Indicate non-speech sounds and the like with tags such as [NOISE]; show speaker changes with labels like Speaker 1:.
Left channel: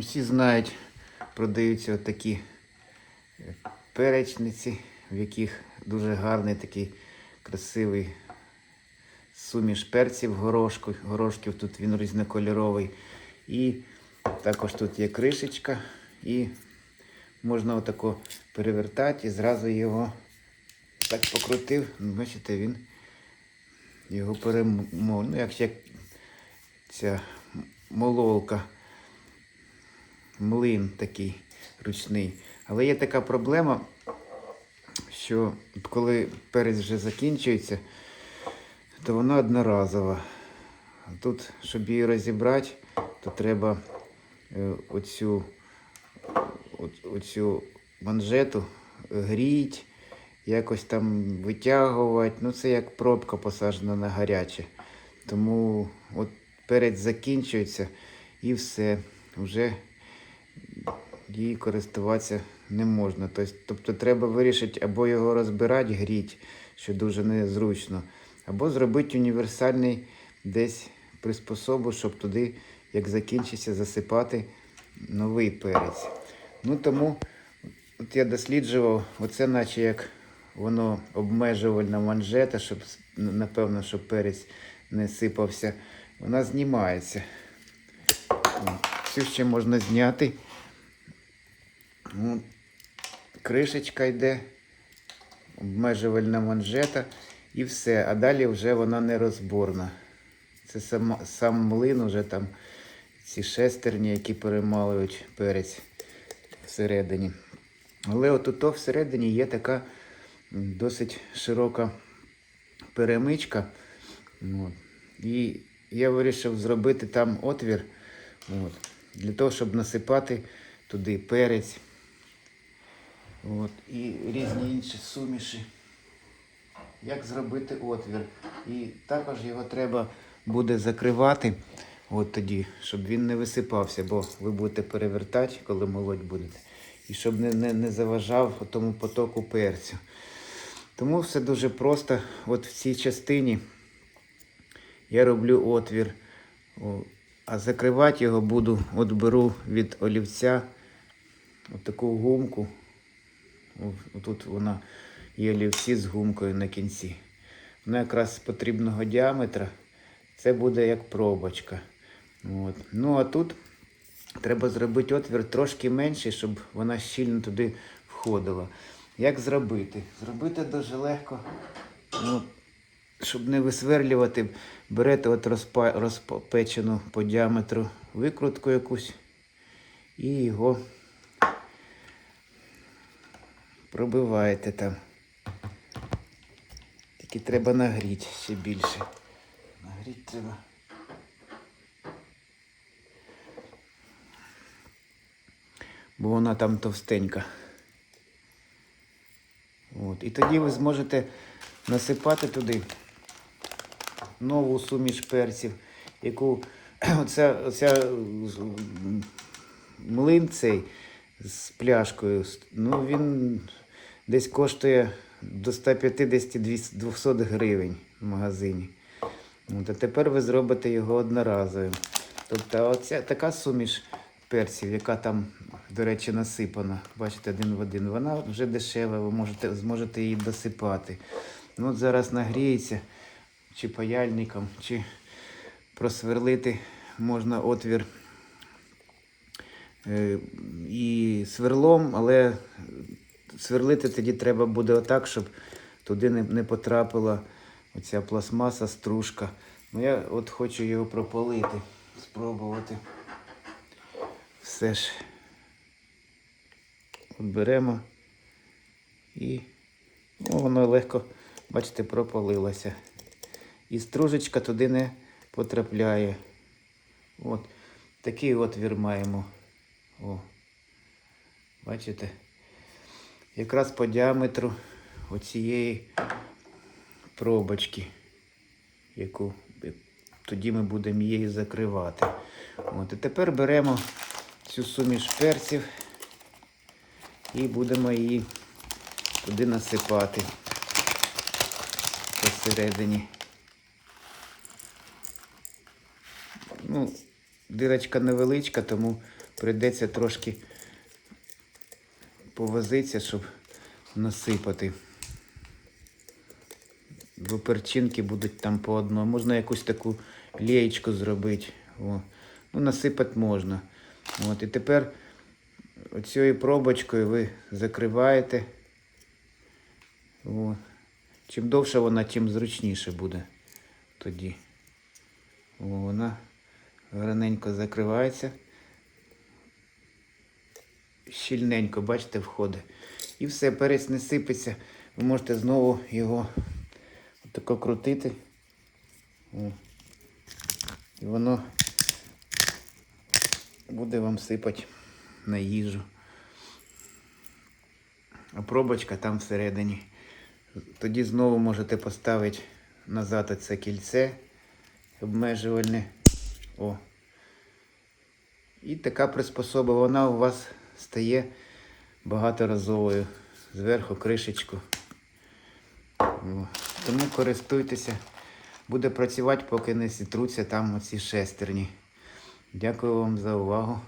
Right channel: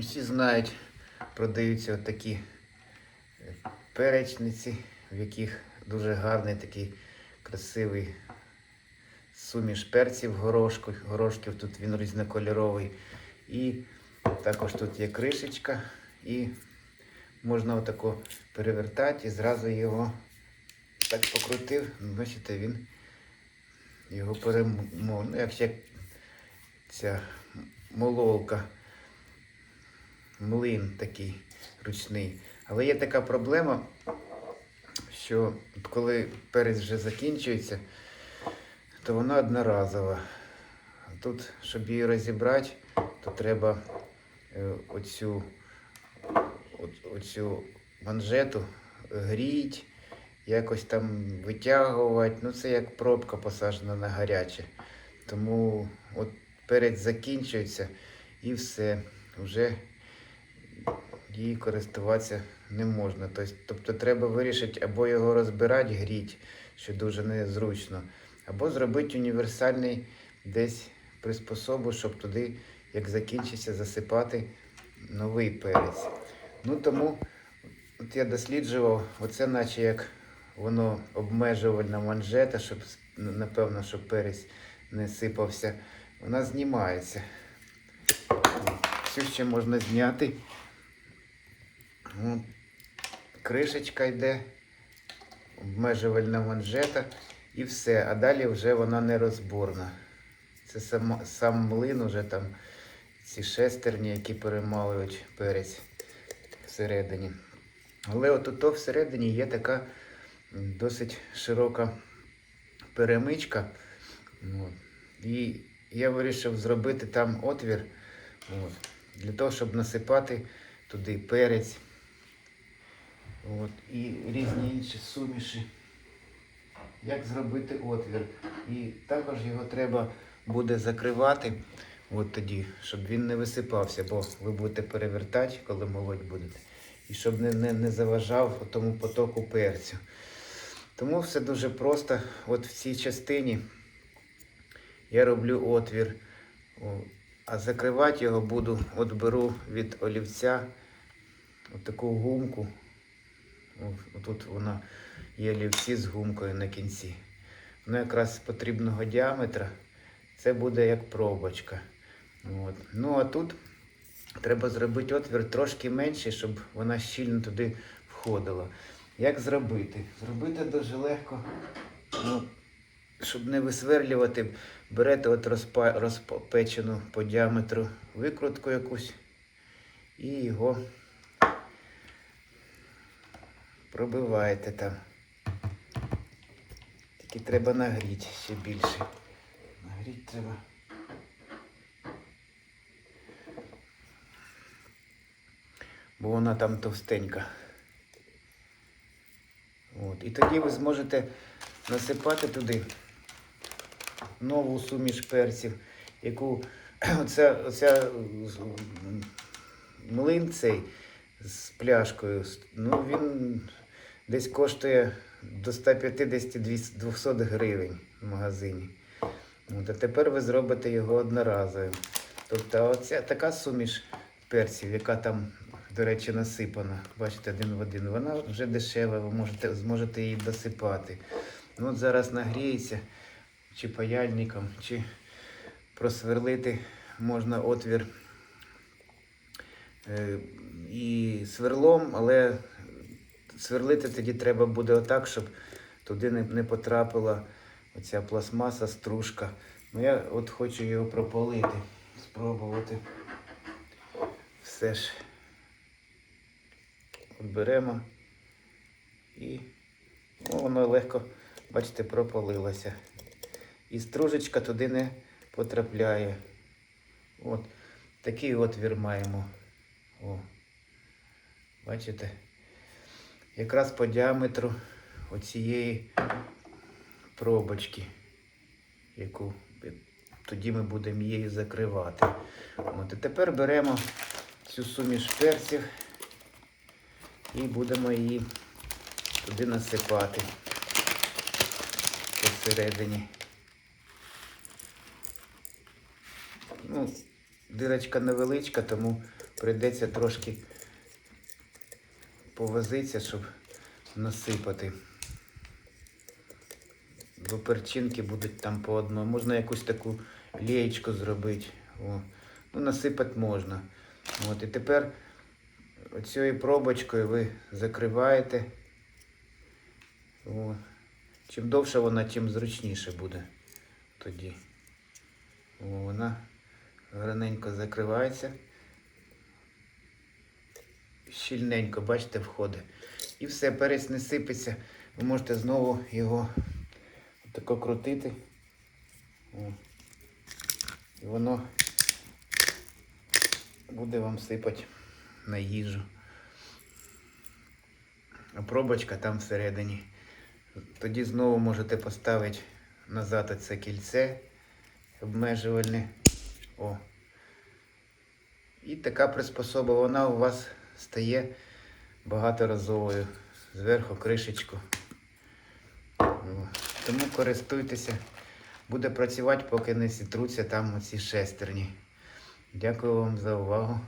Speaker 1: Усі знають, продаються такі перечниці, в яких дуже гарний такий красивий суміш перців горошку, горошків. Тут він різнокольоровий. І також тут є кришечка. І можна отако перевертати і зразу його так покрутив. Бачите, він його перемов. Ну, як ще ця моловка, млин такий ручний. Але є така проблема, що коли перець вже закінчується, то вона одноразова. Тут, щоб її розібрати, то треба е, оцю, оцю манжету гріть, якось там витягувати. Ну, це як пробка посаджена на гаряче. Тому от перець закінчується і все. Вже її користуватися не можна. Тобто, треба вирішити або його розбирати, гріть, що дуже незручно, або зробити універсальний десь приспособу, щоб туди, як закінчиться, засипати новий перець. Ну тому от я досліджував, оце наче як воно обмежувальна манжета, щоб напевно, щоб перець не сипався. Вона знімається. Цю ще можна зняти. Ну, кришечка йде, обмежувальна манжета і все. А далі вже вона нерозборна. Це сам, сам млин, уже там ці шестерні, які перемалують перець всередині. Але от всередині є така досить широка перемичка. От. І я вирішив зробити там отвір от, для того, щоб насипати туди перець от, і різні інші суміші. Як зробити отвір. І також його треба буде закривати от тоді, щоб він не висипався, бо ви будете перевертати, коли молоть будете. І щоб не, не, не заважав тому потоку перцю. Тому все дуже просто. От в цій частині я роблю отвір, а закривати його буду, от беру від олівця от таку гумку. Тут вона є олівці з гумкою на кінці. Вона якраз потрібного діаметра. Це буде як пробочка. От. Ну а тут треба зробити отвір трошки менший, щоб вона щільно туди входила. Як зробити? Зробити дуже легко. Ну, щоб не висверлювати, берете от розпа, розпечену по діаметру викрутку якусь і його пробиваєте там. Тільки треба нагріти ще більше. Нагріти треба. Бо вона там товстенька. От. І тоді ви зможете насипати туди нову суміш перців, яку [CLEARS THROAT] оця, оця млин цей з пляшкою, ну він десь коштує до 150-200 гривень в магазині. От, а тепер ви зробите його одноразовим. Тобто оця така суміш перців, яка там, до речі, насипана, бачите, один в один, вона вже дешева, ви можете, зможете її досипати. Ну, от зараз нагріється чи паяльником, чи просверлити можна отвір е, і сверлом, але сверлити тоді треба буде отак, щоб туди не, не потрапила оця пластмаса, стружка. Ну я от хочу його пропалити, спробувати. Все ж от беремо і ну, воно легко, бачите, пропалилося. І стружечка туди не потрапляє. От такий отвір маємо. О. Бачите? Якраз по діаметру оцієї пробочки, яку тоді ми будемо її закривати. От, і тепер беремо цю суміш перців і будемо її туди насипати посередині. Ну, дирочка невеличка, тому прийдеться трошки повозитися, щоб насипати. Бо перчинки будуть там по одному. Можна якусь таку лієчку зробити. О. Ну, насипати можна. От, і тепер оцією пробочкою ви закриваєте. О. Чим довше вона, тим зручніше буде тоді. О, вона гарненько закривається. Щільненько, бачите, входить. І все, перець не сипеться. Ви можете знову його тако крутити. І воно буде вам сипати на їжу. А пробочка там всередині. Тоді знову можете поставити назад оце кільце обмежувальне. О. І така приспособа, вона у вас стає багаторазовою. Зверху кришечку. Тому користуйтеся. Буде працювати, поки не сітруться там оці шестерні. Дякую вам за увагу.